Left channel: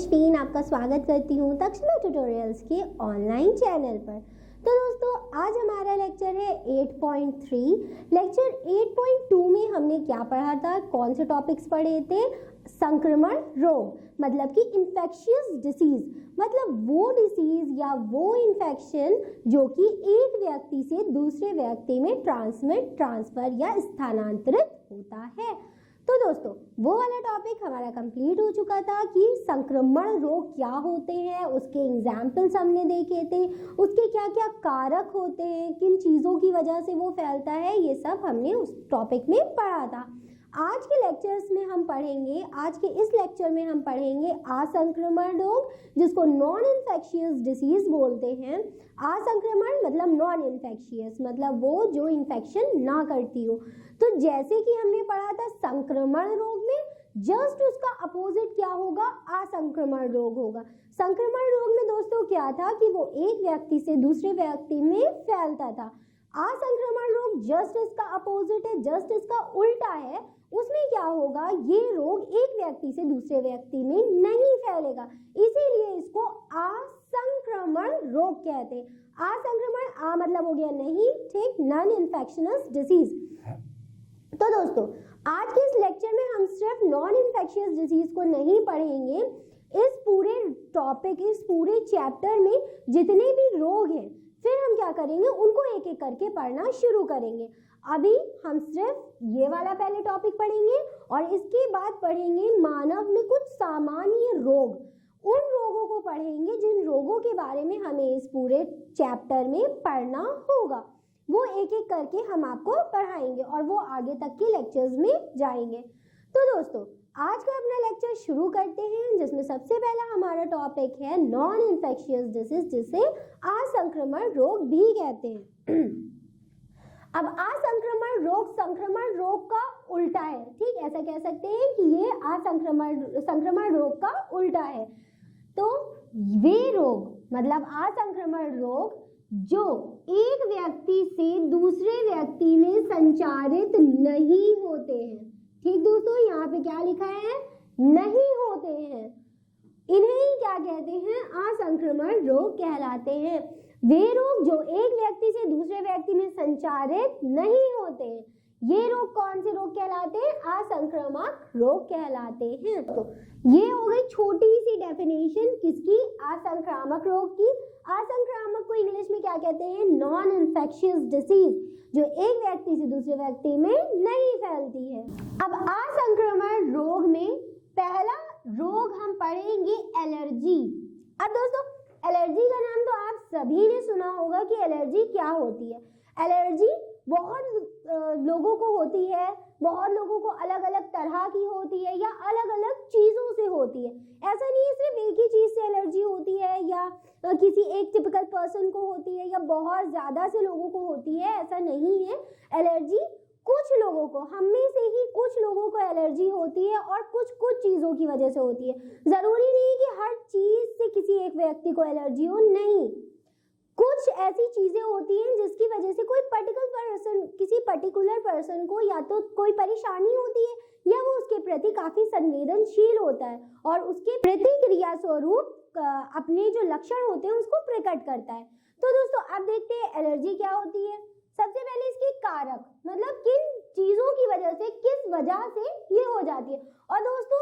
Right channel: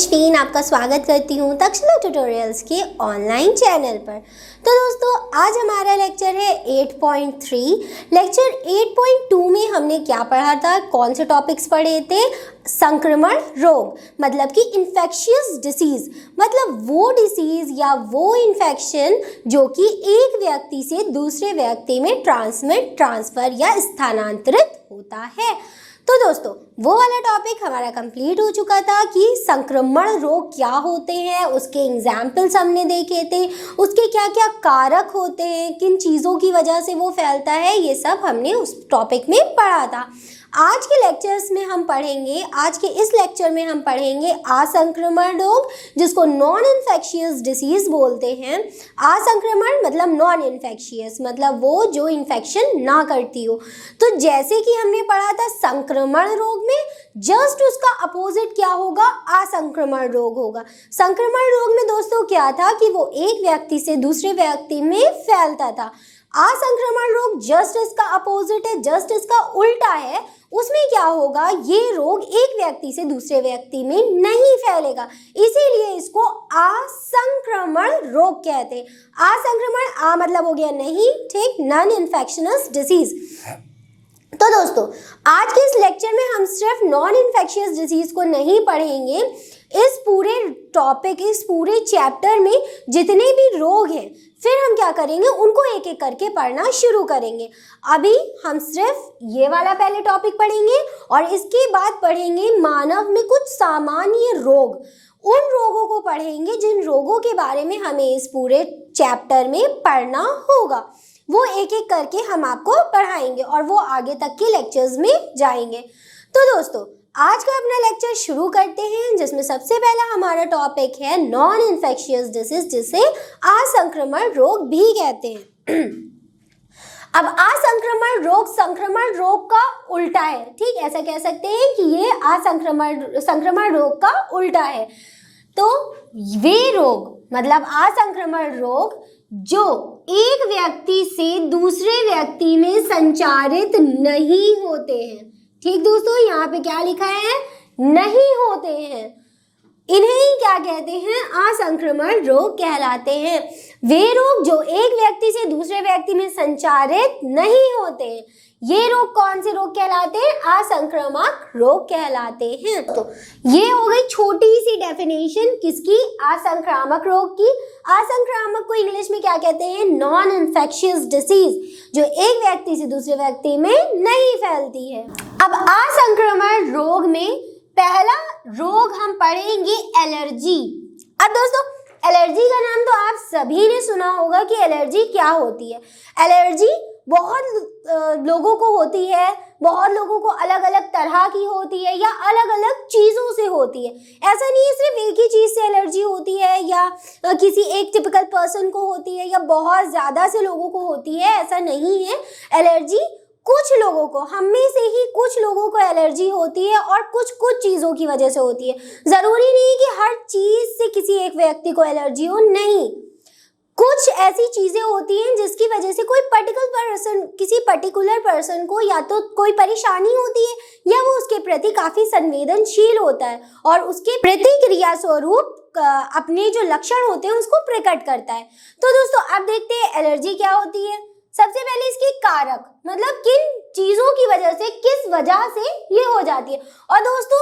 तेजवीन आपका स्वागत करती हूँ तक्षशिला ट्यूटोरियल्स के ऑनलाइन चैनल पर। तो दोस्तों आज हमारा लेक्चर है 8.3। लेक्चर 8.2 में हमने क्या पढ़ा था, कौन से टॉपिक्स पढ़े थे? संक्रमण रोग मतलब कि इन्फेक्शियस डिसीज, मतलब वो डिसीज या वो इन्फेक्शन जो कि एक व्यक्ति से दूसरे व्यक्ति में ट्रांसफर या स्थानांतरित होता है। तो दोस्तों वो वाला टॉपिक हमारा कंप्लीट हो चुका था कि संक्रमण रोग क्या होते हैं, उसके एग्जाम्पल्स हमने देखे थे, उसके क्या क्या कारक होते हैं, किन चीज़ों की वजह से वो फैलता है, ये सब हमने उस टॉपिक में पढ़ा था। आज के लेक्चर्स में हम पढ़ेंगे, आज के इस लेक्चर में हम पढ़ेंगे असंक्रमण रोग, जिसको नॉन इन्फेक्शियस डिसीज बोलते हैं। असंक्रमण मतलब नॉन इन्फेक्शियस, मतलब वो जो इन्फेक्शन ना करती हो। तो जैसे कि हमने पढ़ा था संक्रमण रोग में जस्ट उसका अपोजिट क्या होगा, असंक्रमण रोग होगा। संक्रमण रोग में दोस्तों क्या था कि वो एक व्यक्ति से दूसरे व्यक्ति में फैलता था। असंक्रमण रोग जस्ट इसका अपोजिट है, जस्ट इसका उल्टा है। उसमें क्या होगा, ये रोग एक व्यक्ति से दूसरे व्यक्ति में नहीं फैलेगा, इसीलिए इसको असंक्रमण रोग कहते हैं। असंक्रमण आ मतलब हो गया नहीं, ठीक, नॉन इन्फेक्शियस डिसीज। तो दोस्तों आज के इस लेक्चर में हम सिर्फ नॉन इन्फेक्शियस डिजीज को नहीं पढ़ेंगे, इस पूरे टॉपिक, इस पूरे चैप्टर में जितने भी रोग हैं फिर हम क्या करेंगे, उनको एक एक करके पढ़ना शुरू करेंगे। अभी हम सिर्फ ये वाला पहले टॉपिक पढ़ेंगे और इसके बाद पढ़ेंगे मानव में कुछ सामान्य रोग। उन रोगों को पढ़ेंगे जिन रोगों के बारे में हमें इस पूरे चैप्टर में पढ़ना होगा, वो एक एक करके हम आपको पढ़ाएंगे और वो आगे तक के लेक्चर्स में जाएंगे। तो दोस्तों आज का अपना लेक्चर शुरू करते हैं, जिसमें सबसे पहला हमारा टॉपिक है नॉन इन्फेक्शियस डिसीज, जिसे असंक्रमण रोग भी कहते हैं। अब असंक्रमण रोग संक्रमण रोग का उल्टा है, ठीक, ऐसा कह सकते हैं कि ये संक्रमण रोग का उल्टा है। तो वे रोग मतलब असंक्रमण रोग जो एक व्यक्ति से दूसरे व्यक्ति में संचारित नहीं होते हैं, ठीक दोस्तों, यहाँ पे क्या लिखा है, नहीं होते हैं, इन्हें ही क्या कहते हैं, असंक्रमण रोग कहलाते हैं। वे रोग जो एक व्यक्ति से दूसरे व्यक्ति में संचारित नहीं होते हैं, ये रोग कौन से रोग कहलाते हैं, असंक्रामक रोग कहलाते हैं। तो ये हो गई छोटी सी डेफिनेशन किसकी, असंक्रामक रोग की। असंक्रामक को इंग्लिश में क्या कहते हैं, नॉन इन्फेक्शियस डिसीज, जो एक व्यक्ति से दूसरे व्यक्ति में नहीं फैलती है। अब असंक्रमण रोग में पहला रोग हम पढ़ेंगे एलर्जी। अब दोस्तों एलर्जी का नाम तो आप सभी ने सुना होगा कि एलर्जी क्या होती है। एलर्जी बहुत लोगों को होती है, बहुत लोगों को अलग अलग तरह की होती है या अलग अलग चीज़ों से होती है। ऐसा नहीं है सिर्फ एक ही चीज़ से एलर्जी होती है या किसी एक टिपिकल पर्सन को होती है या बहुत ज़्यादा से लोगों को होती है, ऐसा नहीं है। एलर्जी कुछ लोगों को, हम में से ही कुछ लोगों को एलर्जी होती है और कुछ चीज़ों की वजह से होती है। ज़रूरी नहीं कि हर चीज़ से किसी एक व्यक्ति को एलर्जी हो, नहीं, कुछ ऐसी चीज़ें होती हैं जिसकी वजह से कोई किसी पर्टिकुलर पर्सन को या तो कोई परेशानी होती है या वो उसके प्रति काफ़ी संवेदनशील होता है और उसके प्रतिक्रिया स्वरूप अपने जो लक्षण होते हैं उसको प्रकट करता है। तो दोस्तों अब देखते हैं एलर्जी क्या होती है। सबसे पहले इसके कारक, मतलब किन चीज़ों की वजह से, किस वजह से ये हो जाती है। और दोस्तों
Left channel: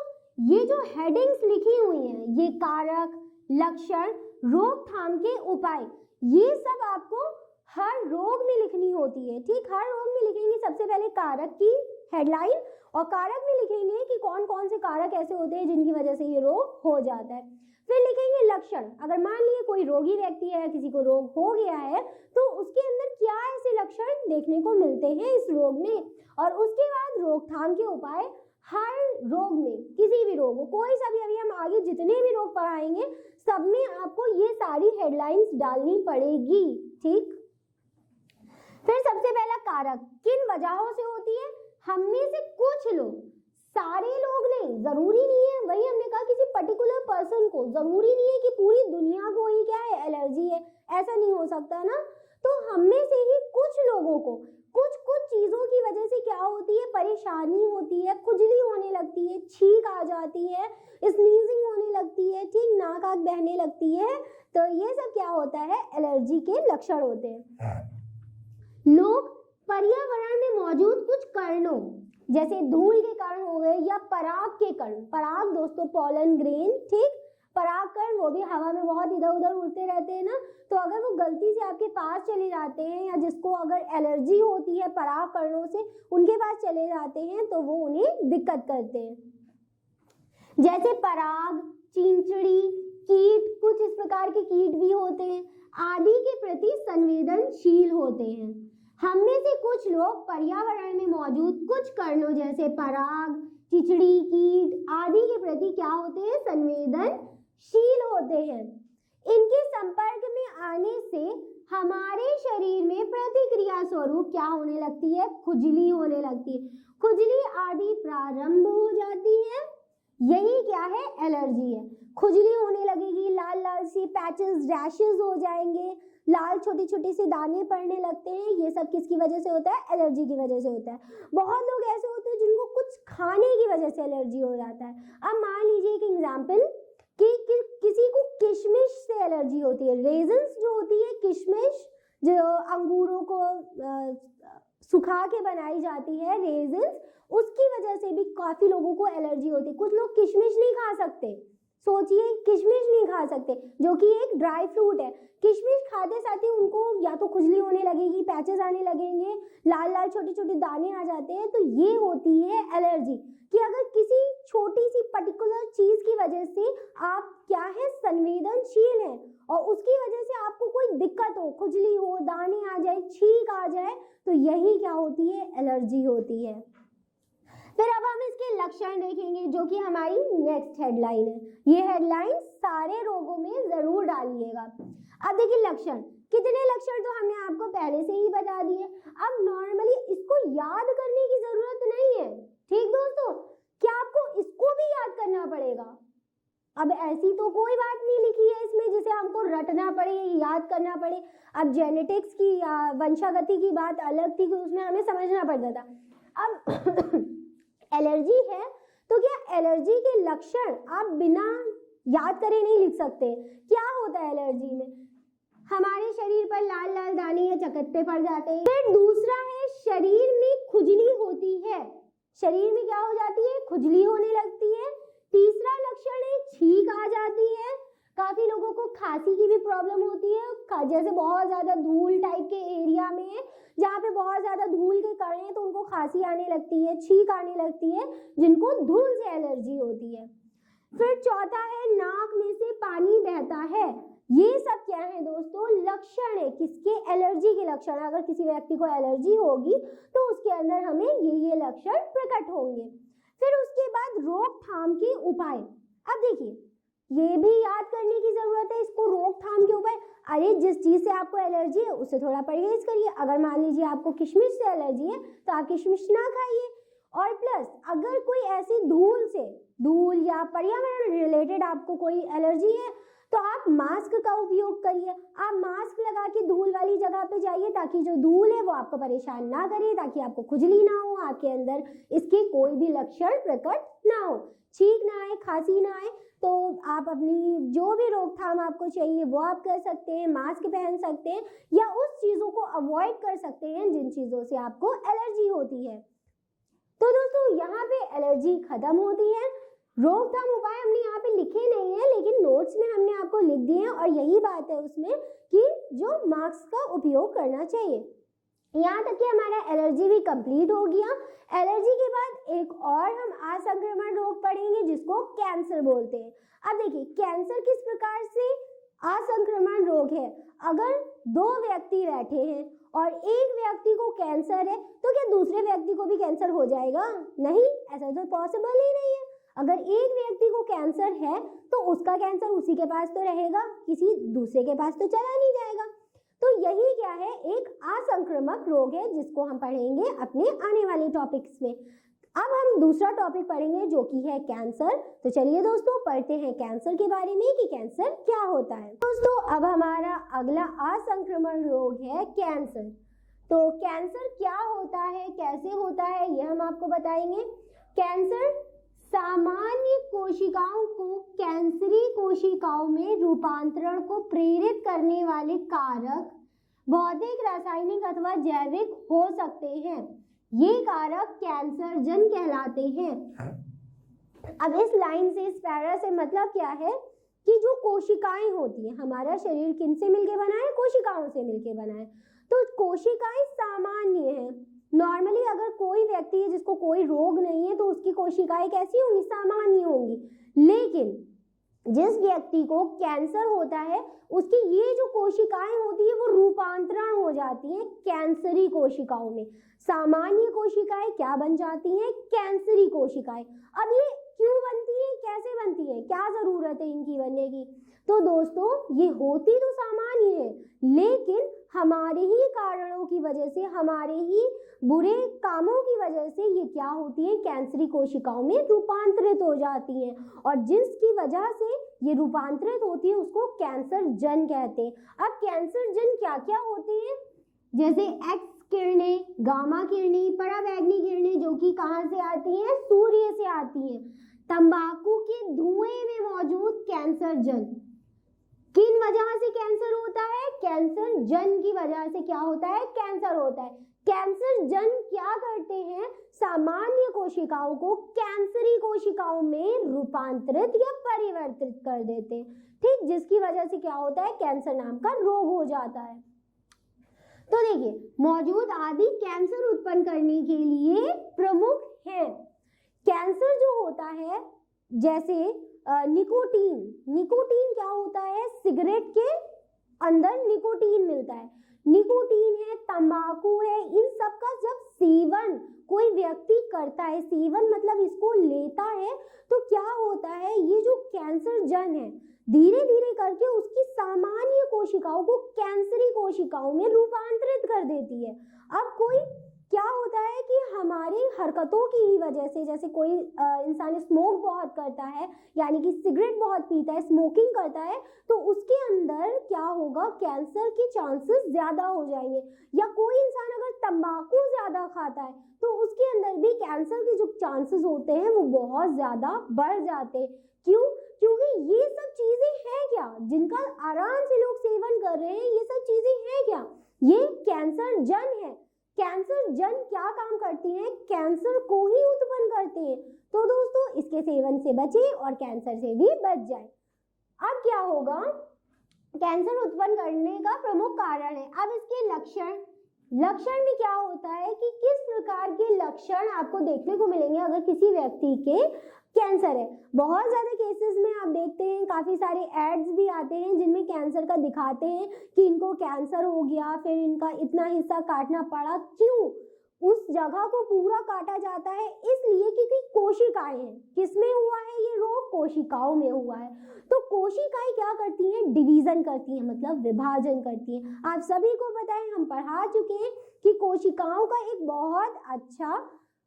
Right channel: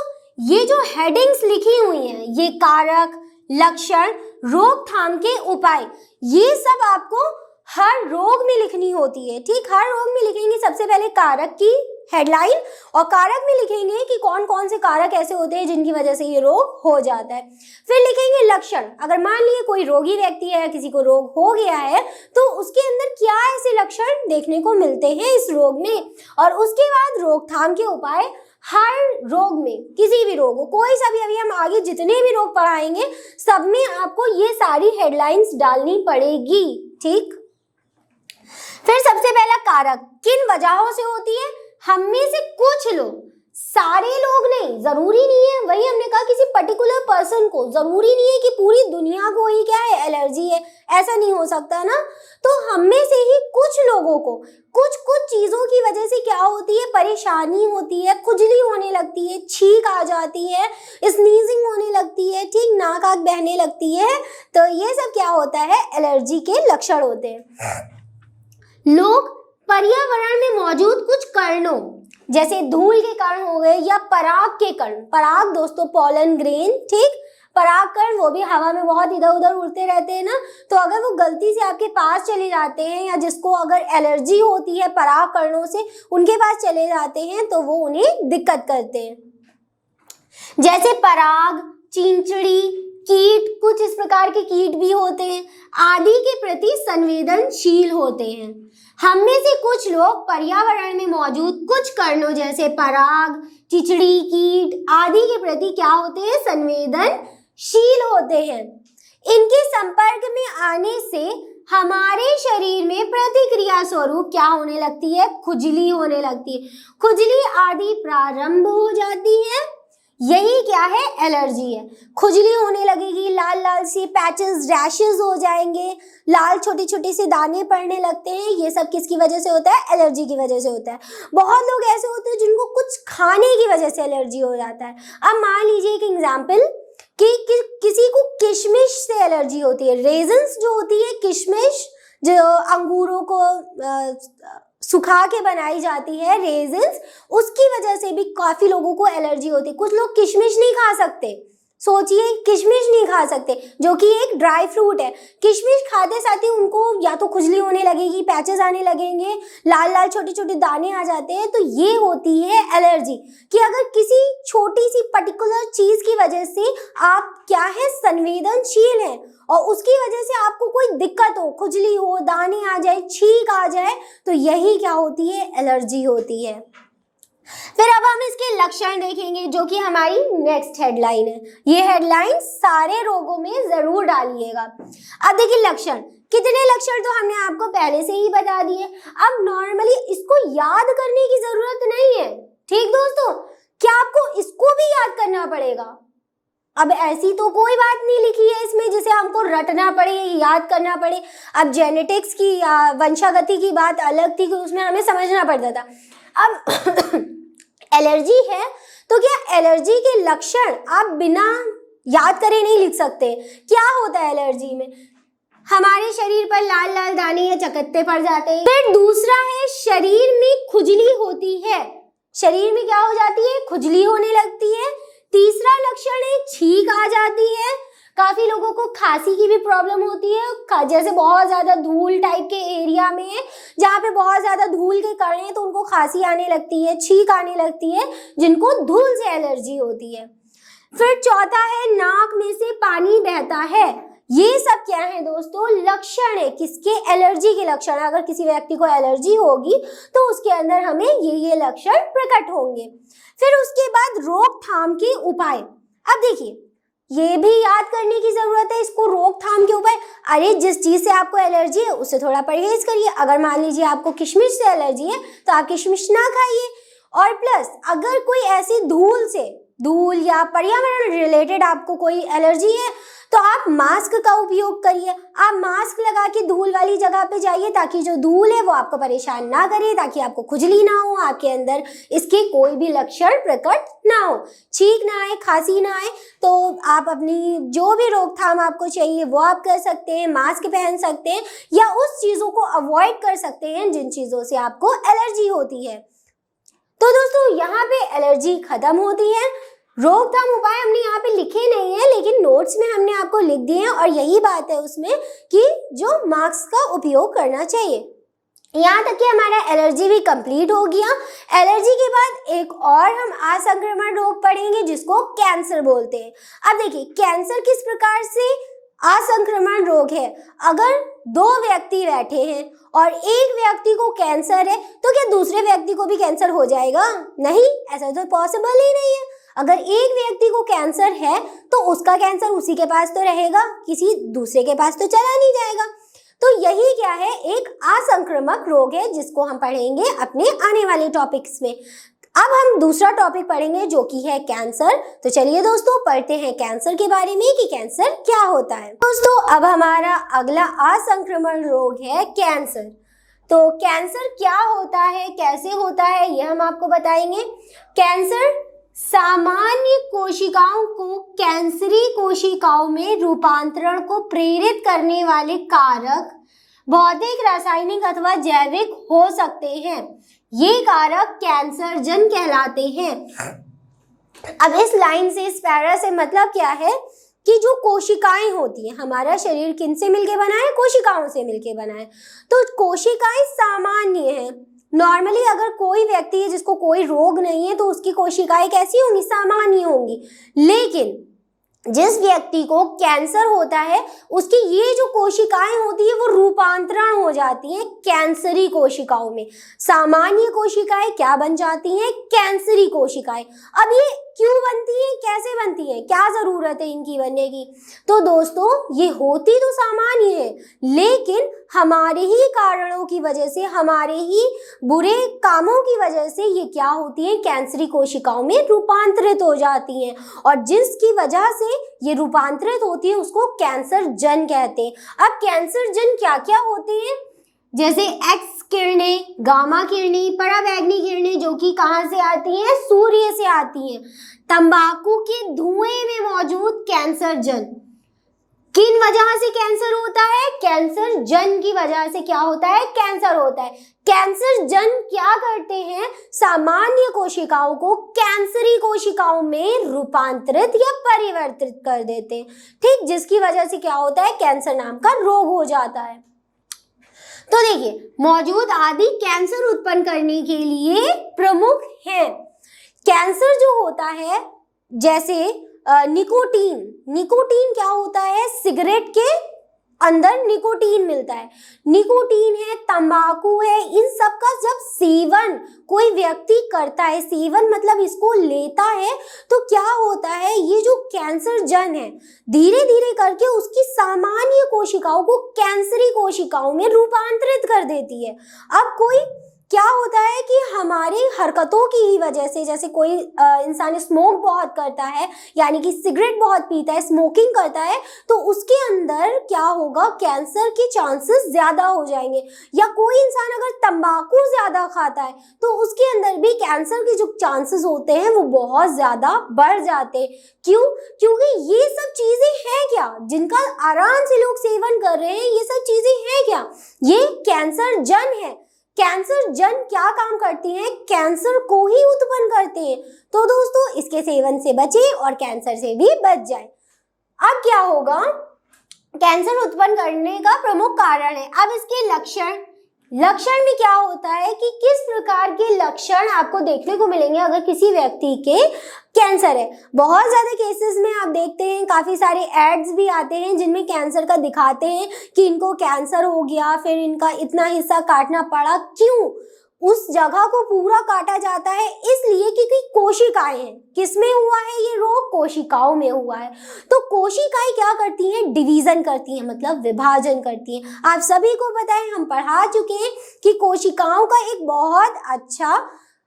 ये जो हेडिंग्स लिखी हुई हैं, ये कारक, लक्षण, रोकथाम के उपाय, ये सब आपको हर रोग में लिखनी होती है, ठीक। हर रोग में लिखेंगे सबसे पहले कारक की हेडलाइन और कारक में लिखेंगे कि कौन कौन से कारक ऐसे होते हैं जिनकी वजह से ये रोग हो जाता है। फिर लिखेंगे लक्षण, अगर मान लिए कोई रोगी व्यक्ति है, किसी को रोग हो गया है, तो उसके अंदर क्या ऐसे लक्षण देखने को मिलते हैं इस रोग में। और उसके बाद रोकथाम के उपाय, हर रोग में, किसी भी रोग हो, कोई सा भी, अभी हम आगे जितने भी रोग पढ़ाएंगे सब में आपको ये सारी हेडलाइंस डालनी पड़ेगी, ठीक। फिर सबसे पहला कारक किन वजहों से होती है, हम में से कुछ लोग, सारे लोग नहीं, जरूरी नहीं है, वही हमने कहा किसी पर्टिकुलर पर्सन को, जरूरी नहीं है कि पूरी दुनिया को ही क्या है, एलर्जी है, ऐसा नहीं हो सकता ना। तो हम में से ही कुछ लोगों को कुछ चीज़ों की वजह से क्या होती है, परेशानी होती है, खुजली होने लगती है, छींक आ जाती है, स्नीजिंग होने लगती है, ठीक, नाक आँख बहने लगती है, तो ये सब क्या होता है, एलर्जी के लक्षण होते हैं। लोग पर्यावरण में मौजूद कुछ कणों जैसे धूल के कण हो गए या पराग के कण, पराग दोस्तों पॉलन ग्रेन, ठीक, पराग कण वो भी हवा में बहुत इधर उधर उड़ते रहते हैं ना, तो अगर वो गलती से आपके पास चले जाते हैं या जिसको अगर एलर्जी होती है पराग कणों से उनके पास चले जाते हैं तो वो उन्हें दिक्कत करते हैं। जैसे पराग, चींचड़ी, कीट, कुछ इस प्रकार के कीट भी होते हैं, आदि के प्रति संवेदनशील होते हैं। हम में से कुछ लोग पर्यावरण में मौजूद कुछ कणों जैसे पराग, चिचड़ी, कीट आदि के प्रति क्या होते हैं, संवेदनशील होते हैं। इनके संपर्क में आने से हमारे शरीर में प्रतिक्रिया स्वरूप क्या होने लगती है, खुजली होने लगती है, खुजली आदि प्रारंभ हो जाती है। यही क्या है, एलर्जी है। खुजली होने लगेगी, लाल लाल सी पैचेस, रैशेस हो जाएंगे, लाल छोटे छोटे से दाने पड़ने लगते हैं। ये सब किसकी वजह से होता है, एलर्जी की वजह से होता है। बहुत लोग ऐसे होते हैं जिनको कुछ खाने की वजह से एलर्जी हो जाता है। अब मान लीजिए एक एग्जाम्पल कि किसी को किशमिश से एलर्जी होती है, रेजन्स जो होती है, किशमिश जो अंगूरों को सुखा के बनाई जाती है, रेजिन्स, उसकी वजह से भी काफी लोगों को एलर्जी होती है। कुछ लोग किशमिश नहीं खा सकते, सोचिए किशमिश नहीं खा सकते जो कि एक ड्राई फ्रूट है। किशमिश खाते साथ ही उनको या तो खुजली होने लगेगी, पैचेस आने लगेंगे, लाल लाल छोटे छोटे दाने आ जाते हैं। तो ये होती है एलर्जी कि अगर किसी छोटी सी पर्टिकुलर चीज की वजह से आप क्या है, संवेदनशील हैं और उसकी वजह से आपको कोई दिक्कत हो, खुजली हो, दाने आ जाए, छींक आ जाए, तो यही क्या होती है, एलर्जी होती है। फिर अब हम इसके लक्षण देखेंगे जो कि हमारी नेक्स्ट हेडलाइन है। ये हेडलाइन सारे रोगों में जरूर डालिएगा। अब देखिए लक्षण, कितने लक्षण तो हमने आपको पहले से ही बता दिए। अब नॉर्मली इसको याद करने की जरूरत नहीं है, ठीक दोस्तों, क्या आपको इसको भी याद करना पड़ेगा? अब ऐसी तो कोई बात नहीं लिखी है इसमें जिसे हमको रटना पड़े, याद करना पड़े। अब जेनेटिक्स की वंशागति की बात अलग थी कि उसमें हमें समझना पड़ता था। अब एलर्जी है तो क्या एलर्जी के लक्षण आप बिना याद करे नहीं लिख सकते? क्या होता है एलर्जी में? हमारे शरीर पर लाल लाल दाने या चकत्ते पड़ जाते हैं। फिर दूसरा है शरीर में खुजली होती है, शरीर में क्या हो जाती है, खुजली होने लगती है। तीसरा लक्षण है छींक आ जाती है। काफी लोगों को खांसी की भी प्रॉब्लम होती है, जैसे बहुत ज्यादा धूल टाइप के एरिया में जहाँ पे बहुत ज्यादा धूल के कण हैं तो उनको खांसी आने लगती है, छींक आने लगती है, जिनको धूल से एलर्जी होती है। फिर चौथा है नाक में से पानी बहता है। ये सब क्या है दोस्तों, लक्षण है किसके, एलर्जी के लक्षण। अगर किसी व्यक्ति को एलर्जी होगी तो उसके अंदर हमें ये लक्षण प्रकट होंगे। फिर उसके बाद रोकथाम के उपाय। अब देखिए ये भी याद करने की जरूरत है इसको, रोकथाम के उपाय। अरे जिस चीज से आपको एलर्जी है उससे थोड़ा परहेज करिए। अगर मान लीजिए आपको किशमिश से एलर्जी है तो आप किशमिश ना खाइए। और प्लस अगर कोई ऐसी धूल या पर्यावरण रिलेटेड आपको कोई एलर्जी है तो आप मास्क का उपयोग करिए। आप मास्क लगा के धूल वाली जगह पे जाइए ताकि जो धूल है वो आपको परेशान ना करे, ताकि आपको खुजली ना हो, आपके अंदर इसके कोई भी लक्षण प्रकट ना हो, छींक ना आए, खांसी ना आए। तो आप अपनी जो भी रोकथाम आपको चाहिए वो आप कर सकते हैं, मास्क पहन सकते हैं या उस चीज़ों को अवॉइड कर सकते हैं जिन चीज़ों से आपको एलर्जी होती है। तो दोस्तों यहाँ पे एलर्जी खत्म होती है। रोकथाम उपाय हमने यहाँ पे लिखे नहीं है लेकिन नोट्स में हमने आपको लिख दिए हैं और यही बात है उसमें कि जो मास्क का उपयोग करना चाहिए। यहाँ तक कि हमारा एलर्जी भी कंप्लीट हो गया। एलर्जी के बाद एक और हम असंक्रमण रोग पढ़ेंगे जिसको कैंसर बोलते हैं। अब देखिए कैंसर किस प्रकार से असंक्रमण रोग है। अगर दो व्यक्ति बैठे हैं और एक व्यक्ति को कैंसर है तो क्या दूसरे व्यक्ति को भी कैंसर हो जाएगा? नहीं, ऐसा तो पॉसिबल ही नहीं है। अगर एक व्यक्ति को कैंसर है तो उसका कैंसर उसी के पास तो रहेगा, किसी दूसरे के पास तो चला नहीं जाएगा। तो यही क्या है, एक असंक्रामक रोग है जिसको हम पढ़ेंगे अपने आने वाले टॉपिक्स में। अब हम दूसरा टॉपिक पढ़ेंगे जो कि है कैंसर। तो चलिए दोस्तों पढ़ते हैं कैंसर के बारे में कि कैंसर क्या होता है। दोस्तों अब हमारा अगला असंक्रमण रोग है कैंसर। तो कैंसर क्या होता है, कैसे होता है, ये हम आपको बताएंगे। कैंसर सामान्य कोशिकाओं को कैंसरी कोशिकाओं में रूपांतरण को प्रेरित करने वाले कारक भौतिक, रासायनिक अथवा जैविक हो सकते हैं। ये कारक कैंसरजन कहलाते हैं। अब इस लाइन से, इस पैरा से मतलब क्या है कि जो कोशिकाएं होती हैं, हमारा शरीर किन से मिलके बना है, कोशिकाओं से मिलके बना है। तो कोशिकाएं सामान्य हैं। नॉर्मली अगर कोई व्यक्ति है जिसको कोई रोग नहीं है तो उसकी कोशिकाएं कैसी होंगी, सामान्य होंगी। लेकिन जिस व्यक्ति को कैंसर होता है उसकी ये जो कोशिकाएं होती है वो रूपांतरण हो जाती हैं कैंसरी कोशिकाओं में। सामान्य कोशिकाएं क्या बन जाती हैं, कैंसरी कोशिकाएं। अब ये क्यों बनती हैं, कैसे बनती हैं, क्या जरूरत है इनकी बनने की? तो दोस्तों ये होती तो सामान्य है, लेकिन हमारे ही कारणों की वजह से, हमारे ही बुरे कामों की वजह से ये क्या होती है, कैंसरी कोशिकाओं में रूपांतरित हो जाती हैं। और जिसकी वजह से ये रूपांतरित होती है उसको कैंसर जन कहते हैं। अब कैंसर जन क्या क्या होते हैं, जैसे एक्स किरणें, गामा किरणें, पराबैंगनी किरणें, जो कि कहाँ से आती हैं, सूर्य से आती हैं। तंबाकू के धुएं में मौजूद कैंसर जन, किन वजह से कैंसर होता है, कैंसर जन की वजह से क्या होता है, कैंसर होता है। कैंसर जन क्या करते हैं, सामान्य कोशिकाओं को कैंसरी कोशिकाओं में रूपांतरित या परिवर्तित कर देते हैं। ठीक, जिसकी वजह से क्या होता है, कैंसर नाम का रोग हो जाता है। तो देखिए, मौजूद आदि कैंसर उत्पन्न करने के लिए प्रमुख हैं। कैंसर जो होता है, जैसे निकोटीन, निकोटीन क्या होता है, सिगरेट के अंदर निकोटीन मिलता है। निकोटीन है, तंबाकू है, इन सब का जब सेवन कोई व्यक्ति करता है, सेवन मतलब इसको लेता है, तो क्या होता है, ये जो कैंसर जन है धीरे धीरे करके उसकी सामान्य कोशिकाओं को कैंसरी कोशिकाओं में रूपांतरित कर देती है। अब कोई क्या होता है कि हमारी हरकतों की ही वजह से, जैसे कोई इंसान स्मोक बहुत करता है, यानी कि सिगरेट बहुत पीता है, स्मोकिंग करता है, तो उसके अंदर क्या होगा, कैंसर के चांसेस ज़्यादा हो जाएंगे। या कोई इंसान अगर तंबाकू ज़्यादा खाता है तो उसके अंदर भी कैंसर के जो चांसेस होते हैं वो बहुत ज़्यादा बढ़ जाते हैं। क्यों? क्योंकि ये सब चीज़ें हैं क्या, जिनका आराम से लोग सेवन कर रहे हैं, ये सब चीज़ें हैं क्या, ये कैंसर जन है। कैंसर जन क्या काम करती हैं, कैंसर को ही उत्पन्न करते हैं। तो दोस्तों इसके सेवन से बचें और कैंसर से भी बच जाएं। अब क्या होगा, कैंसर उत्पन्न करने का प्रमुख कारण है। अब इसके लक्षण, लक्षण में क्या होता है कि किस प्रकार के लक्षण आपको देखने को मिलेंगे अगर किसी व्यक्ति के कैंसर है। बहुत ज़्यादा केसेस में आप देखते हैं, काफ़ी सारे एड्स भी आते हैं जिनमें कैंसर का दिखाते हैं कि इनको कैंसर हो गया, फिर इनका इतना हिस्सा काटना पड़ा। क्यों? उस जगह को पूरा काटा जाता है इसलिए क्योंकि कोशिकाएं हैं। किसमें हुआ है ये रोग, कोशिकाओं में हुआ है। तो कोशिकाएं क्या करती हैं, डिवीजन करती हैं, मतलब विभाजन करती हैं। आप सभी को पता है, हम पढ़ा चुके हैं कि कोशिकाओं का एक बहुत अच्छा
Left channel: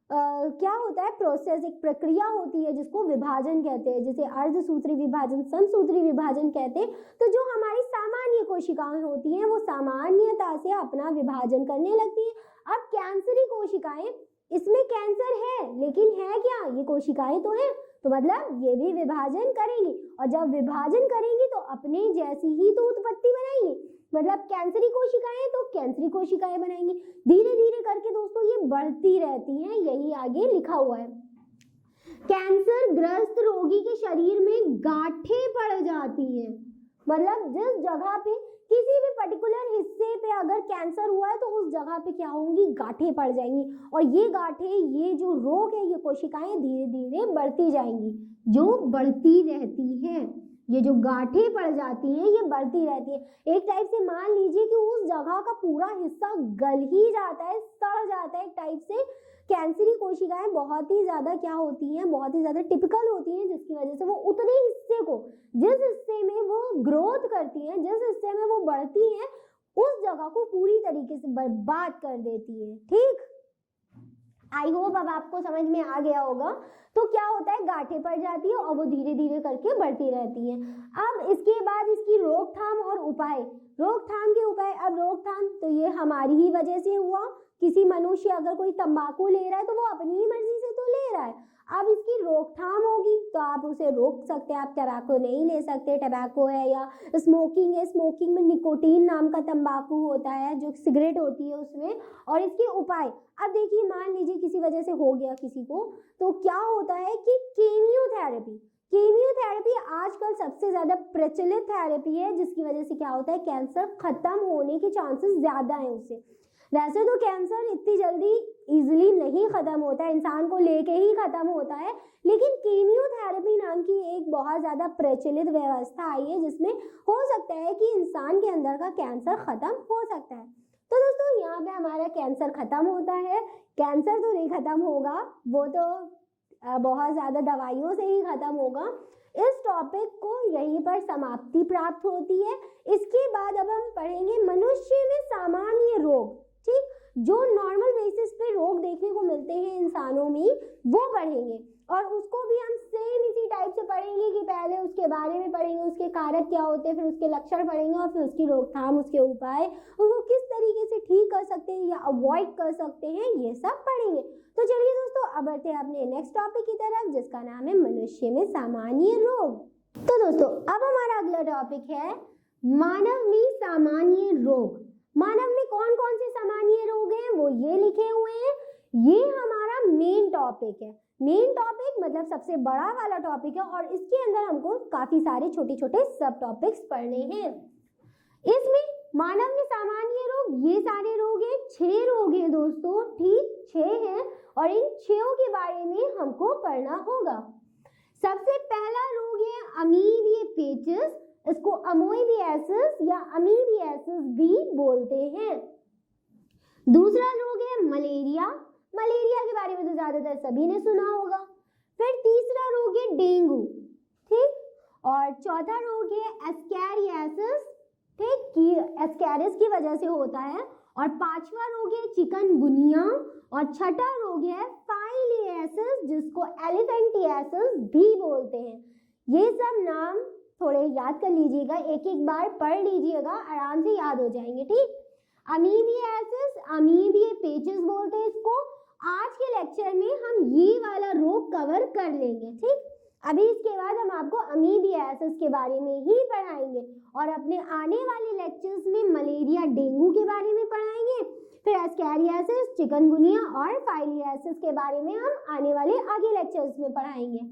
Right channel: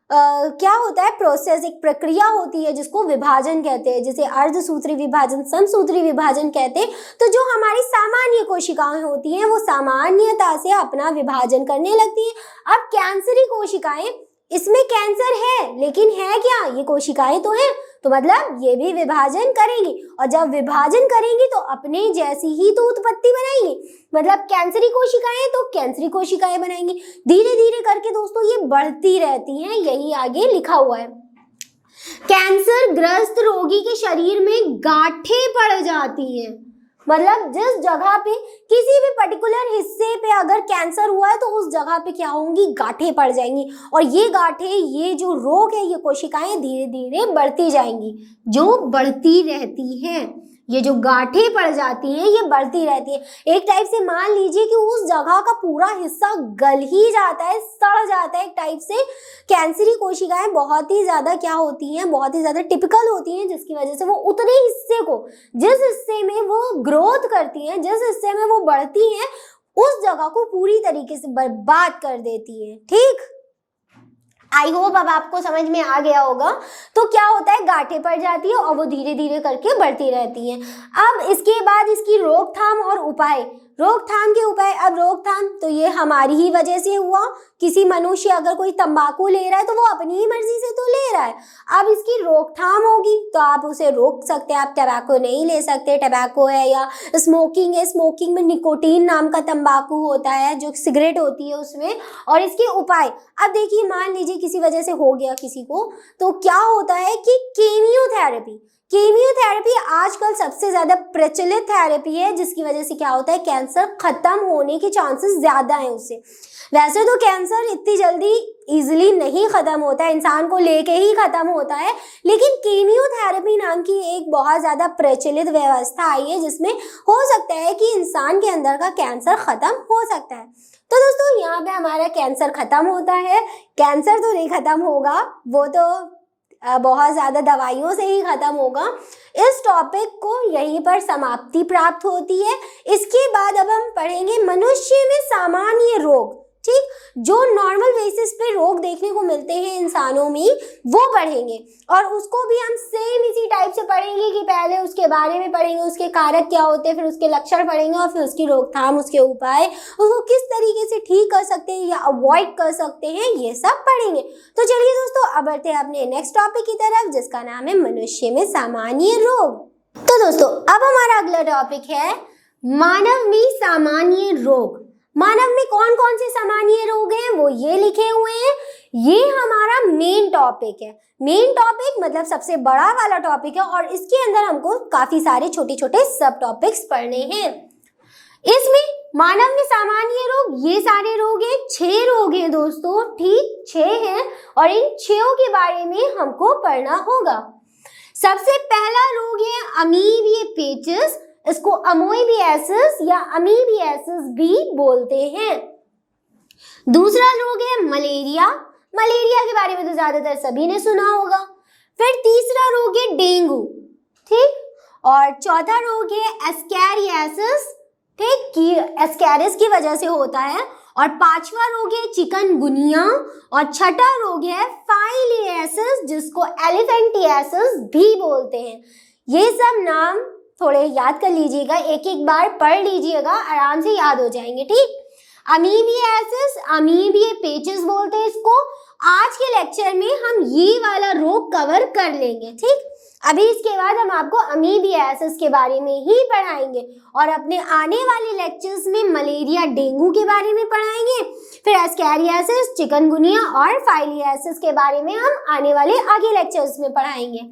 क्या होता है, प्रोसेस, एक प्रक्रिया होती है जिसको विभाजन कहते हैं, जिसे अर्धसूत्री विभाजन, समसूत्री विभाजन कहते हैं। तो जो हमारी सामान्य कोशिकाएं होती हैं वो सामान्यता से अपना विभाजन करने लगती हैं। अब कैंसरी कोशिकाएं, इसमें कैंसर है लेकिन है क्या, ये कोशिकाएं तो हैं, तो मतलब ये भी विभाजन करेंगी, और जब विभाजन करेंगी तो अपने जैसी ही तो उत्पत्ति बनाएंगी। मतलब कैंसरी कोशिकाएं तो कैंसरी कोशिकाएं बनाएंगी। धीरे धीरे करके दोस्तों ये बढ़ती रहती हैं, यही आगे लिखा हुआ है। कैंसर ग्रस्त रोगी के शरीर में गांठें पड़ जाती हैं, मतलब जिस जगह पे किसी भी पर्टिकुलर हिस्से पे अगर कैंसर हुआ है तो उस जगह पे क्या होंगी, गांठें पड़ जाएंगी। और ये गांठें, ये जो रोग है, ये कोशिकाएं धीरे धीरे बढ़ती जाएंगी, जो बढ़ती रहती हैं। ये जो गांठें पड़ जाती हैं ये बढ़ती रहती है। एक टाइप से मान लीजिए कि उस जगह का पूरा हिस्सा गल ही जाता है, सड़ जाता है एक टाइप से। कैंसरी कोशिकाएं बहुत ही ज़्यादा क्या होती हैं, बहुत ही ज़्यादा टिपिकल होती हैं, जिसकी वजह से वो उतने हिस्से को, जिस हिस्से में वो ग्रोथ करती हैं, जिस हिस्से में वो बढ़ती हैं, उस जगह को पूरी तरीके से बर्बाद कर देती है। ठीक, आई होप अब आपको समझ में आ गया होगा। तो क्या होता है, गांठें पड़ जाती है और वो धीरे धीरे करके बढ़ती रहती हैं। अब इसके बाद इसकी रोकथाम और उपाय, रोकथाम के उपाय। अब रोकथाम तो ये हमारी ही वजह से हुआ। किसी मनुष्य अगर कोई तंबाकू ले रहा है तो वो अपनी ही मर्जी से तो ले रहा है। अब इसकी रोकथाम होगी तो आप उसे रोक सकते हैं। आप टबैको नहीं ले सकते। टबैको है या स्मोकिंग है, स्मोकिंग में निकोटीन नाम का तंबाकू होता है जो सिगरेट होती है उसमें। और इसके उपाय, अब देखिए मान लीजिए किसी वजह से हो गया किसी को, तो क्या होता है कि कीमियोथेरेपी। कीमियोथेरेपी आजकल सबसे ज़्यादा प्रचलित थेरेपी है, जिसकी वजह से क्या होता है, कैंसर खत्म होने के चांसेस ज़्यादा हैं उससे। वैसे तो कैंसर इतनी जल्दी इजीली नहीं ख़त्म होता है, इंसान को लेके ही ख़त्म होता है, लेकिन कीमियोथेरेपी नाम की एक बहुत ज़्यादा प्रचलित व्यवस्था आई है जिसमें हो सकता है कि इंसान के अंदर का कैंसर ख़त्म हो सकता है। तो दोस्तों यहाँ पे हमारा कैंसर ख़त्म होता है। कैंसर तो नहीं ख़त्म होगा, वो तो बहुत ज़्यादा दवाइयों से ही ख़त्म होगा। इस टॉपिक को यहीं पर समाप्ति प्राप्त होती है। इसके बाद अब हम पढ़ेंगे मनुष्य में सामान्य रोग। ठीक, जो नॉर्मल बेसिस पे रोग देखने को मिलते हैं इंसानों में वो पढ़ेंगे, और उसको भी हम सेम इसी टाइप से पढ़ेंगे कि पहले उसके बारे में पढ़ेंगे, उसके कारक क्या होते हैं, फिर उसके लक्षण पढ़ेंगे और फिर उसकी रोकथाम, उसके उपाय, उसको किस तरीके से ठीक कर सकते हैं या अवॉइड कर सकते हैं, ये सब पढ़ेंगे। तो चलिए दोस्तों अब बढ़ते हैं अपने नेक्स्ट टॉपिक की तरफ, जिसका नाम है मनुष्य में सामान्य रोग। तो दोस्तों अब हमारा अगला टॉपिक है मानव में सामान्य रोग। मानव में कौन कौन से सामान्य रोग हैं वो ये लिखे हुए हैं। ये हमारा मेन टॉपिक है। मेन टॉपिक मतलब सबसे बड़ा वाला टॉपिक है, और इसके अंदर हमको काफी सारे छोटे छोटे सब टॉपिक्स पढ़ने हैं। इसमें मानव में सामान्य रोग, ये सारे रोग हैं, 6 रोग हैं दोस्तों। ठीक, 6 हैं, और इन 6 के बारे में हमको पढ़ना होगा। सबसे पहला रोग है अमीबिएसिस। इसको अमोइबियासिस या अमीबियासिस भी बोलते हैं। दूसरा रोग है मलेरिया। मलेरिया के बारे में तो ज्यादातर सभी ने सुना होगा। फिर तीसरा रोग है डेंगू। ठीक, और चौथा रोग है एस्कैरियासिस। ठीक, कि एस्कैरिस की वजह से होता है। और 5वां रोग है चिकनगुनिया, और छठा रोग है फाइलियासिस, जिसको एलिफेंटियासिस भी बोलते हैं। ये सब नाम थोड़े याद कर लीजिएगा, एक एक बार पढ़ लीजिएगा, आराम से याद हो जाएंगे। ठीक, अमीबियासिस, अमीबिएपेचिस बोलते हैं इसको। आज के लेक्चर में हम ये वाला रोग कवर कर लेंगे। ठीक, अभी इसके बाद हम आपको अमीबियासिस के बारे में ही पढ़ाएंगे, और अपने आने वाले लेक्चर्स में मलेरिया, डेंगू के बारे में पढ़ाएंगे। फिर एस्कैरियासिस, चिकनगुनिया और फाइलियासिस के बारे में हम आने वाले आगे लेक्चर्स में पढ़ाएंगे।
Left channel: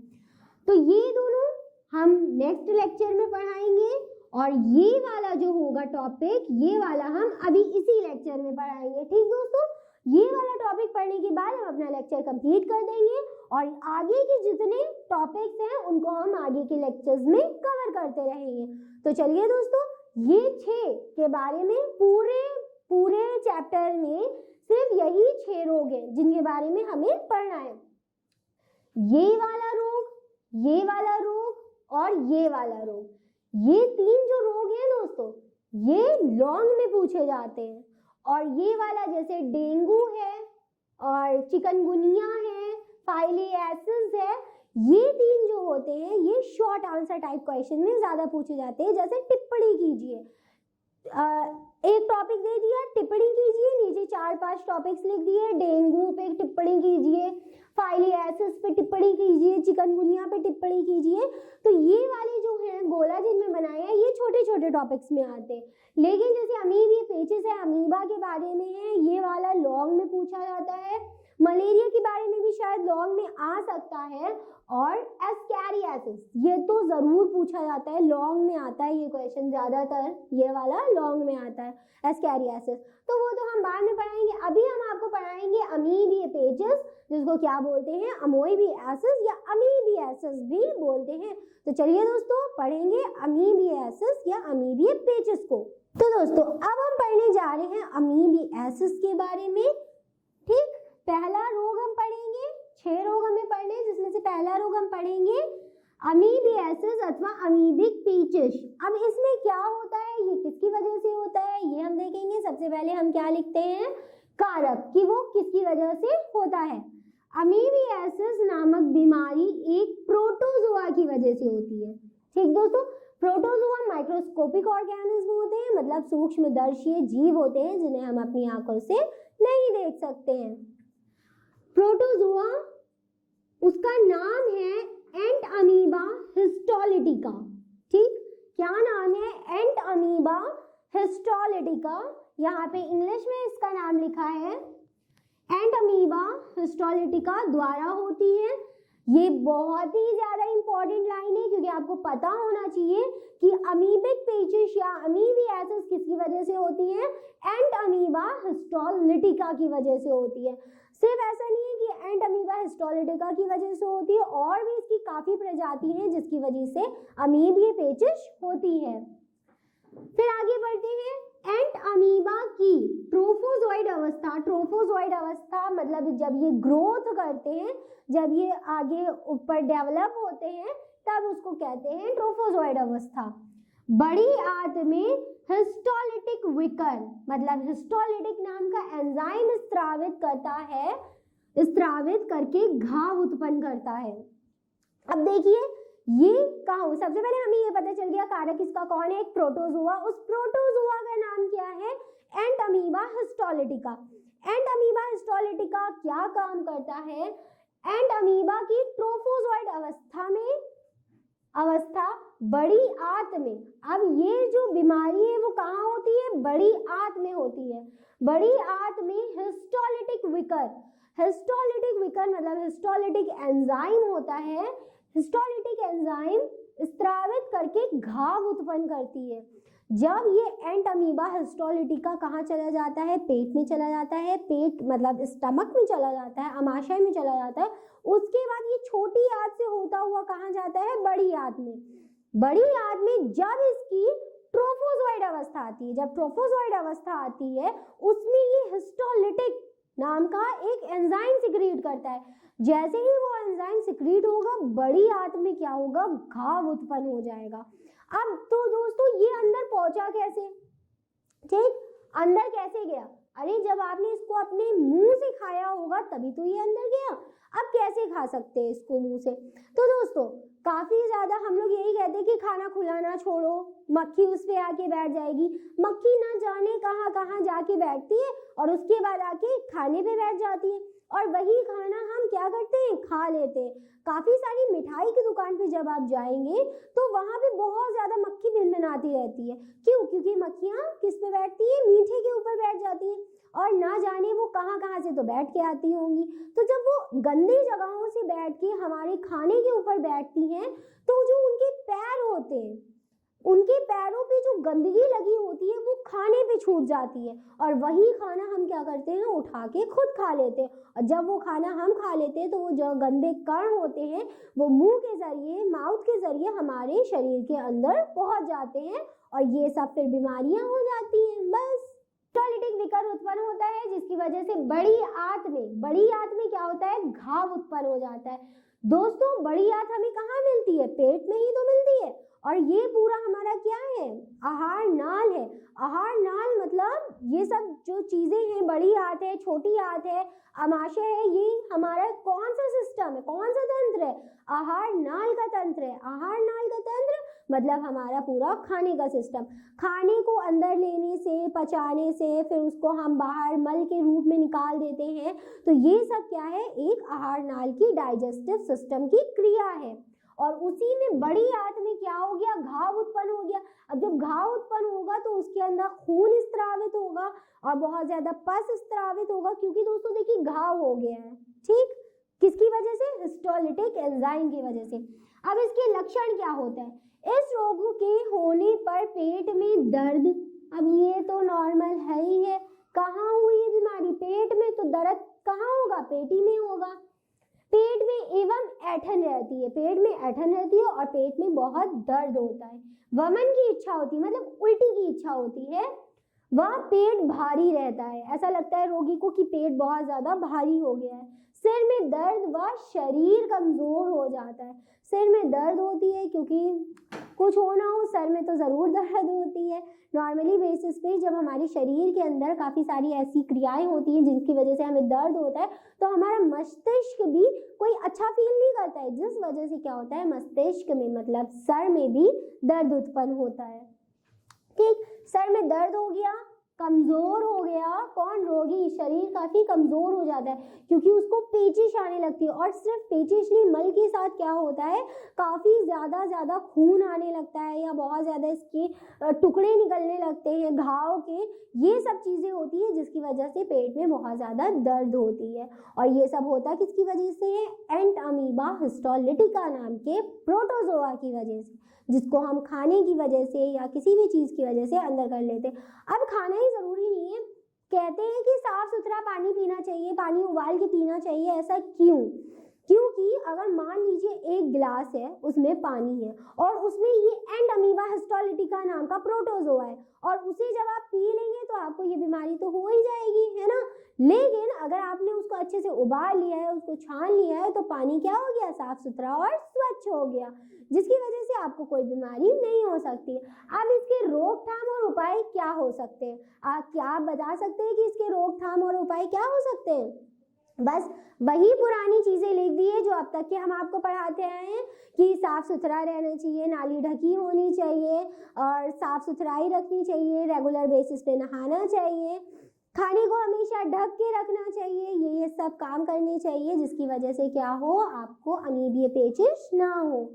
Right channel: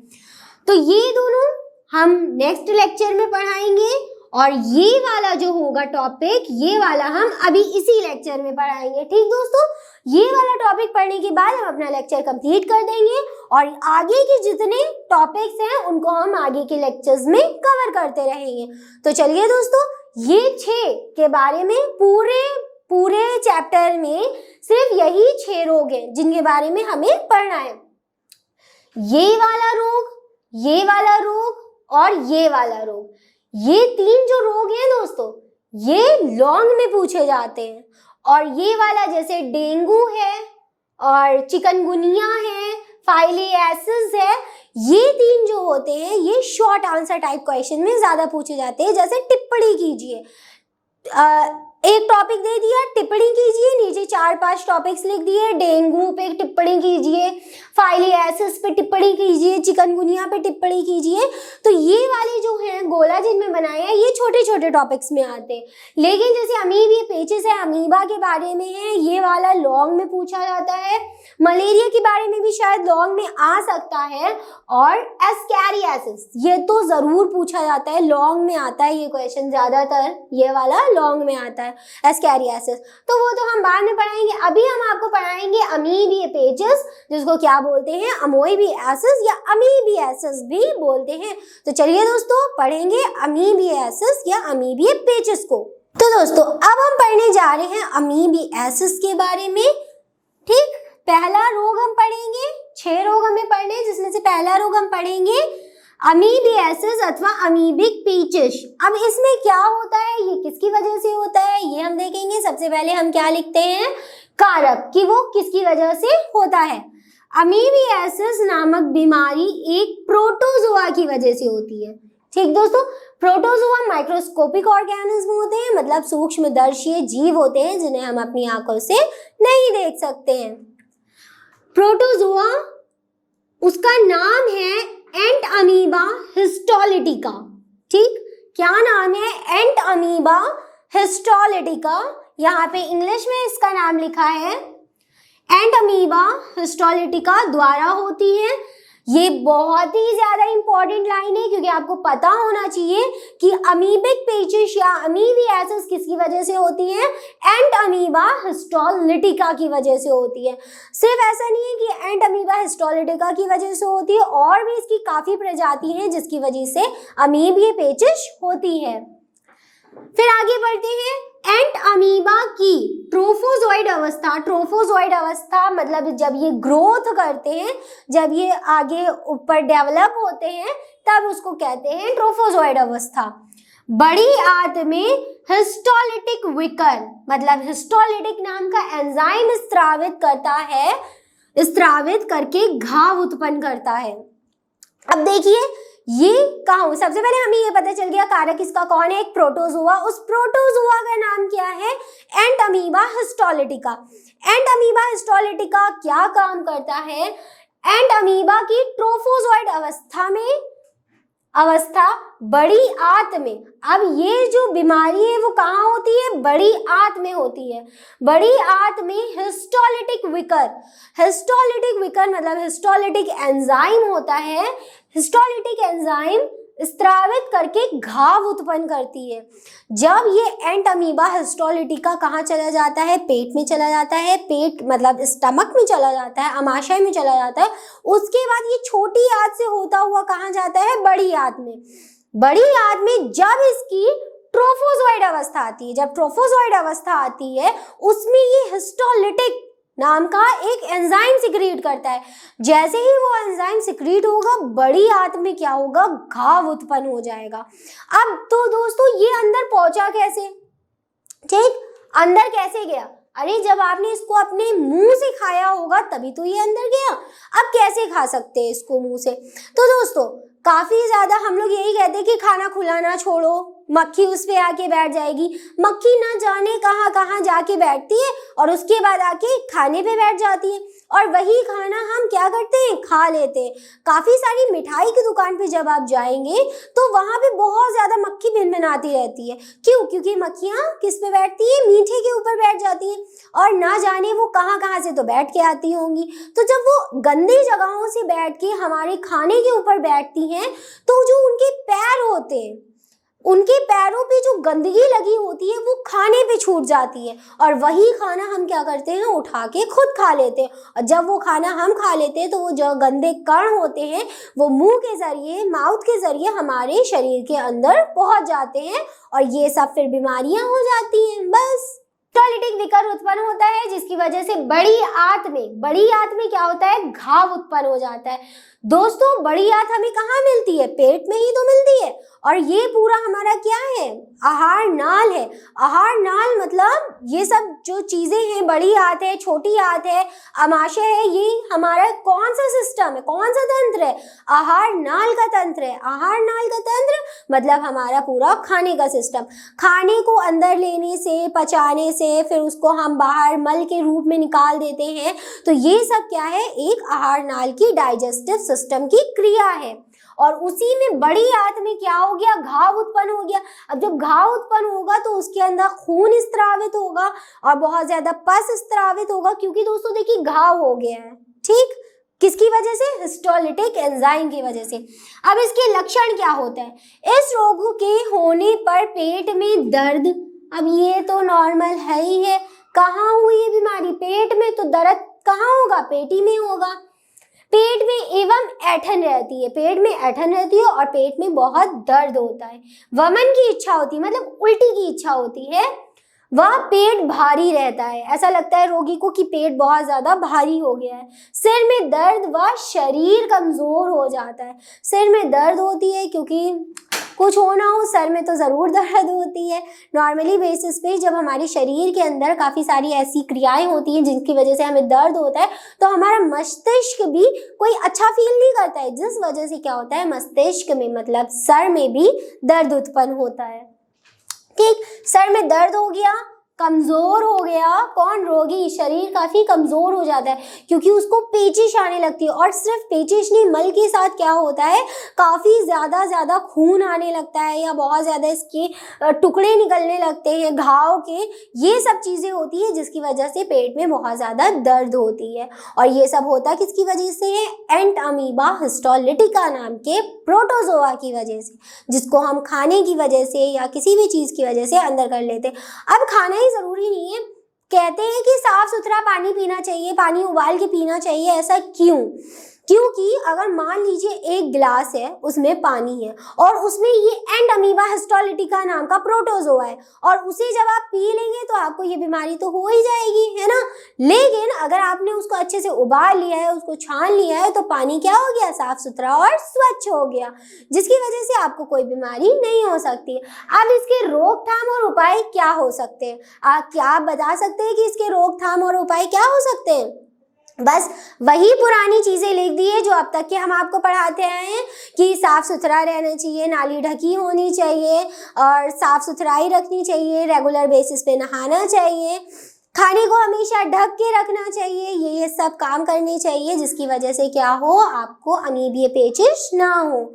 तो ये दोनों हम नेक्स्ट लेक्चर में पढ़ाएंगे, और ये वाला जो होगा टॉपिक, ये वाला हम अभी इसी लेक्चर में पढ़ाएंगे। ठीक दोस्तों, ये वाला टॉपिक पढ़ने के बाद हम अपना लेक्चर कंप्लीट कर देंगे, और आगे के जितने टॉपिक्स हैं उनको हम आगे के लेक्चर्स में कवर करते रहेंगे। तो चलिए दोस्तों, ये 6 के बारे में पूरे चैप्टर में सिर्फ यही 6 रोग हैं जिनके बारे में हमें पढ़ना है। ये वाला रोग, ये वाला रोग और ये वाला रोग, ये 3 जो रोग हैं दोस्तों, ये लॉन्ग में पूछे जाते हैं। और ये वाला जैसे डेंगू है और चिकनगुनिया है, फाइलियासिस है, ये 3 जो होते हैं ये शॉर्ट आंसर टाइप क्वेश्चन में ज्यादा पूछे जाते हैं। जैसे टिप्पणी कीजिए, एक टॉपिक दे दिया, टिप्पणी कीजिए, नीचे 4-5 टॉपिक्स लिख दिए, डेंगू पे टिप्पणी कीजिए, फाइलियासिस पे टिप्पणी कीजिए, चिकनगुनिया पे टिप्पणी कीजिए। तो ये वाले जो हैं गोला जिनमें बनाए हैं ये छोटे छोटे टॉपिक्स में आते हैं। लेकिन जैसे अमीबिएपेचिस है, अमीबा के बारे में है, ये वाला लॉन्ग में पूछा जाता है। मलेरिया के बारे में भी शायद लॉन्ग में आ सकता है, और एस्कैरियासिस ये तो जरूर पूछा जाता है, लॉन्ग में आता है ये क्वेश्चन, ज्यादातर ये वाला लॉन्ग में आता है एस्कैरियासिस। तो वो तो हम बाद में पढ़ाएंगे। अभी हम आपको पढ़ाएंगे अमीबिएपेचिस, जिसको क्या बोलते हैं, अमोइबियासिस या अमीबियासिस भी बोलते हैं। तो चलिए दोस्तों पढ़ेंगे अमीबियासिस या अमीबिएपेचिस को। तो दोस्तों अब हम पढ़ने जा रहे हैं अमीबियासिस के बारे में। ठीक, पहला रोग हम पढ़ेंगे, 6 रोग हमें पढ़ने, जिसमें से पहला रोग हम पढ़ेंगे अमीबियासिस अथवा अमीबिक पेचिस। अब इसमें क्या होता है, ये किसकी वजह से होता है, ये हम देखेंगे। सबसे पहले हम क्या लिखते हैं, कारक, कि वो किसकी वजह से होता है। अमीबियासिस नामक बीमारी एक प्रोटोजोआ की वजह से होती है। ठीक दोस्तों, प्रोटोजोआ माइक्रोस्कोपिक ऑर्गेनिज्म होते हैं, मतलब सूक्ष्मदर्शी जीव होते हैं जिन्हें हम अपनी आंखों से नहीं देख सकते हैं। प्रोटोजोआ, उसका नाम है एंट अमीबा हिस्टोलिटिका। ठीक, क्या नाम है? एंट अमीबा हिस्टोलिटिका। यहाँ पे इंग्लिश में इसका नाम लिखा है एंट अमीबा हिस्टोलिटिका द्वारा होती है। ये बहुत ही ज्यादा इंपॉर्टेंट लाइन है क्योंकि आपको पता होना चाहिए कि अमीबिक पेचिश या अमीबियासिस किसकी वजह से होती है? एंट अमीबा हिस्टोलिटिका की वजह से होती है। सिर्फ ऐसा नहीं है कि एंट अमीबा हिस्टोलिटिका की वजह से होती है, और भी इसकी काफी प्रजाति हैं जिसकी वजह से अमीबिया पेचिश होती है। फिर आगे बढ़ते हैं। एंट अमीबा की ट्रोफोजोइड अवस्था, ट्रोफोजोइड अवस्था मतलब जब ये ग्रोथ करते हैं, जब ये आगे ऊपर डेवलप होते हैं, तब उसको कहते हैं ट्रोफोजोइड अवस्था। बड़ी आंत में हिस्टोलिटिक विकर, मतलब हिस्टोलिटिक नाम का एंजाइम स्त्रावित करता है, स्त्रावित करके घाव उत्पन्न करता है। अब देखिए ये कहाँ, सबसे पहले हमें ये पता चल गया कारक इसका कौन है? एक प्रोटोजोआ। उस प्रोटोजोआ का नाम क्या है? एंट अमीबा हिस्टोलिटिका। एंट अमीबा हिस्टोलिटिका क्या काम करता है? एंट अमीबा की ट्रोफोजोइड अवस्था बड़ी आंत में, अब ये जो बीमारी है वो कहाँ होती है? बड़ी आंत में होती है। बड़ी आंत में हिस्टोलिटिक विकर, हिस्टोलिटिक विकर मतलब हिस्टोलिटिक एंजाइम होता है। हिस्टोलिटिक एंजाइम स्त्रावित करके घाव उत्पन्न करती है। जब ये एंट अमीबा हिस्टोलिटिका कहाँ चला जाता है? पेट में चला जाता है। पेट मतलब स्टमक में चला जाता है, अमाशय में चला जाता है। उसके बाद ये छोटी आंत से होता हुआ कहाँ जाता है? बड़ी आंत में। बड़ी आंत में जब इसकी ट्रोफोजोइड अवस्था आती है, जब ट्रोफोजोइड अवस्था आती है, उसमें ये हिस्टोलिटिक नाम का एक एंजाइम सिक्रीट करता है। जैसे ही वो एंजाइम सिक्रीट होगा, बड़ी आंत में क्या होगा? घाव उत्पन्न हो जाएगा। अब तो दोस्तों ये अंदर पहुंचा कैसे? ठीक, अंदर कैसे गया? अरे जब आपने इसको अपने मुंह से खाया होगा तभी तो ये अंदर गया। अब कैसे खा सकते हैं इसको मुंह से? तो दोस्तों काफी ज्यादा हम लोग यही कहते हैं कि खाना खुला ना छोड़ो, मक्खी उस पे आके बैठ जाएगी। मक्खी ना जाने कहाँ कहाँ जाके बैठती है और उसके बाद आके खाने पे बैठ जाती है, और वही खाना हम क्या करते हैं? खा लेते हैं। काफी सारी मिठाई की दुकान पे जब आप जाएंगे तो वहां पे बहुत ज्यादा मक्खी भिनभिनाती रहती है। क्यों? क्योंकि मक्खियां किस पे बैठती है? मीठे के ऊपर बैठ जाती है, और ना जाने वो कहाँ कहाँ से तो बैठ के आती होंगी। तो जब वो गंदी जगहों से बैठ के हमारे खाने के ऊपर बैठती हैं, तो जो उनके पैर होते हैं, उनके पैरों पे जो गंदगी लगी होती है वो खाने पे छूट जाती है, और वही खाना हम क्या करते हैं? उठा के खुद खा लेते हैं। और जब वो खाना हम खा लेते हैं तो वो जो गंदे कण होते हैं वो मुंह के जरिए, माउथ के जरिए हमारे शरीर के अंदर पहुंच जाते हैं, और ये सब फिर बीमारियां हो जाती हैं। बस हिस्टोलिटिक विकर उत्पन्न होता है जिसकी वजह से बड़ी आंत में क्या होता है? घाव उत्पन्न हो जाता है। दोस्तों बड़ी आंत हमें कहाँ मिलती है? पेट में ही तो मिलती है। और ये पूरा हमारा क्या है? आहार नाल है। आहार नाल मतलब ये सब जो चीजें हैं, बड़ी आंत है, छोटी आंत है, अमाशय है, ये हमारा कौन सा सिस्टम है? कौन सा तंत्र है? आहार नाल का तंत्र है। आहार नाल का तंत्र मतलब हमारा पूरा खाने का सिस्टम। खाने को अंदर लेने से, पचाने से, फिर उसको हम बाहर मल के रूप में निकाल देते हैं। तो ये सब क्या है? एक आहार नाल की डाइजेस्टिव सिस्टम की क्रिया है। और उसी में बड़ी आंत में क्या हो गया? घाव उत्पन्न हो गया। अब जब घाव उत्पन्न होगा तो उसके अंदर खून स्त्रावित होगा और बहुत ज्यादा पस स्त्रावित होगा, क्योंकि दोस्तों देखिए घाव हो गया है। ठीक, किसकी वजह से? हिस्टोलिटिक एंजाइम की वजह से। अब इसके लक्षण क्या होते हैं? इस रोग के होने पर पेट में दर्द, अब ये तो नॉर्मल है ही है। कहाँ हुई ये बीमारी? पेट में। तो दर्द कहाँ होगा? पेट ही में होगा। पेट में एवं ऐंठन रहती है, पेट में ऐंठन रहती है और पेट में बहुत दर्द होता है। वमन की इच्छा होती है, मतलब उल्टी की इच्छा होती है। वह पेट भारी रहता है, ऐसा लगता है रोगी को कि पेट बहुत ज्यादा भारी हो गया है। सिर में दर्द व शरीर कमजोर हो जाता है। सिर में दर्द होती है क्योंकि कुछ हो ना हो सर में तो ज़रूर दर्द होती है। नॉर्मली बेसिस पे जब हमारे शरीर के अंदर काफ़ी सारी ऐसी क्रियाएं होती हैं जिनकी वजह से हमें दर्द होता है, तो हमारा मस्तिष्क भी कोई अच्छा फील नहीं करता है, जिस वजह से क्या होता है, मस्तिष्क में मतलब सर में भी दर्द उत्पन्न होता है। ठीक, सर में दर्द हो गया, कमज़ोर हो गया, कौन, रोगी, शरीर काफ़ी कमज़ोर हो जाता है क्योंकि उसको पेचिश आने लगती है। और सिर्फ पेचिश नहीं, मल के साथ क्या होता है, काफ़ी ज़्यादा खून आने लगता है या बहुत ज़्यादा इसके टुकड़े निकलने लगते हैं घाव के। ये सब चीज़ें होती है जिसकी वजह से पेट में बहुत ज़्यादा दर्द होती है। और ये सब होता किसकी वजह से है, एंट अमीबा हिस्टोलिटिका नाम के प्रोटोजोआ की वजह से, जिसको हम खाने की वजह से या किसी भी चीज़ की वजह से अंदर कर लेते हैं। अब खाना ही ज़रूरी नहीं है, कहते हैं कि साफ़ सुथरा पानी पीना चाहिए, पानी उबाल के पीना चाहिए, ऐसा क्यों? क्योंकि अगर मान लीजिए एक गिलास है, उसमें पानी है और उसमें ये एंड अमीबा हिस्टोलिटिका नाम का प्रोटोजोआ है और उसे जब आप पी लेंगे तो आपको ये बीमारी तो हो ही जाएगी, है ना। लेकिन अगर आपने उसको अच्छे से उबाल लिया है, उसको छान लिया है, तो पानी क्या हो गया, साफ सुथरा और स्वच्छ हो गया, जिसकी वजह से आपको कोई बीमारी नहीं हो सकती। अब इसके रोकथाम और उपाय क्या हो सकते हैं? क्या आप बता सकते हैं कि इसके रोकथाम और उपाय क्या हो सकते हैं? बस वही पुरानी चीज़ें लिख दी है जो अब तक के हम आपको पढ़ाते आए हैं कि साफ़ सुथरा रहना चाहिए, नाली ढकी होनी चाहिए और साफ़ सुथराई रखनी चाहिए, रेगुलर बेसिस पे नहाना चाहिए, खाने को हमेशा ढक के रखना चाहिए, ये सब काम करने चाहिए जिसकी वजह से क्या हो, आपको अमीबीय पेचिश ना हो।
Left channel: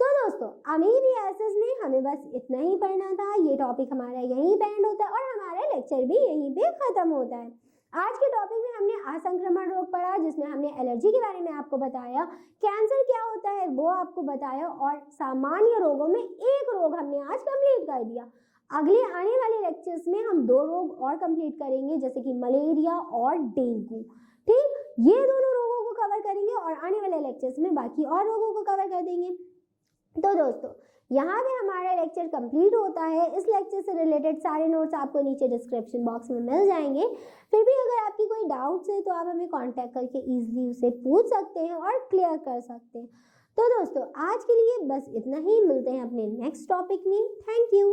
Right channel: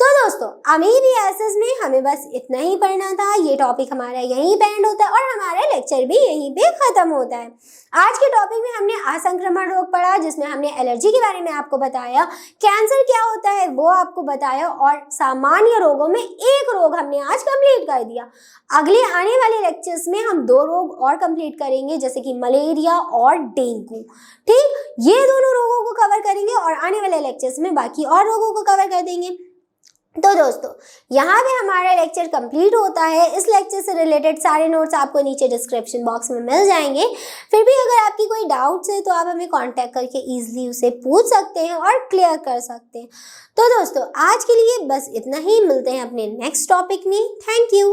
तो दोस्तों, अमीबियासिस में हमें बस इतना ही पढ़ना था। ये टॉपिक हमारा यहीं पे एंड होता है और हमारा लेक्चर भी यहीं पे ख़त्म होता है। आज के टॉपिक में हमने असंक्रमण रोग पढ़ा, जिसमें हमने एलर्जी के बारे में आपको बताया, कैंसर क्या होता है वो आपको बताया और सामान्य रोगों में एक रोग हमने आज कंप्लीट कर दिया। अगले आने वाले लेक्चर्स में हम 2 रोग और कंप्लीट करेंगे, जैसे कि मलेरिया और डेंगू। ठीक, ये दोनों रोगों को कवर करेंगे और आने वाले लेक्चर्स में बाकी और रोगों को कवर कर देंगे। तो दोस्तों, यहाँ पे हमारा लेक्चर कंप्लीट होता है। इस लेक्चर से रिलेटेड सारे नोट्स आपको नीचे डिस्क्रिप्शन बॉक्स में मिल जाएंगे। फिर भी अगर आपकी कोई डाउट्स है तो आप हमें कांटेक्ट करके ईजिली उसे पूछ सकते हैं और क्लियर कर सकते हैं। तो दोस्तों, आज के लिए बस इतना ही, मिलते हैं अपने नेक्स्ट टॉपिक में। Thank you.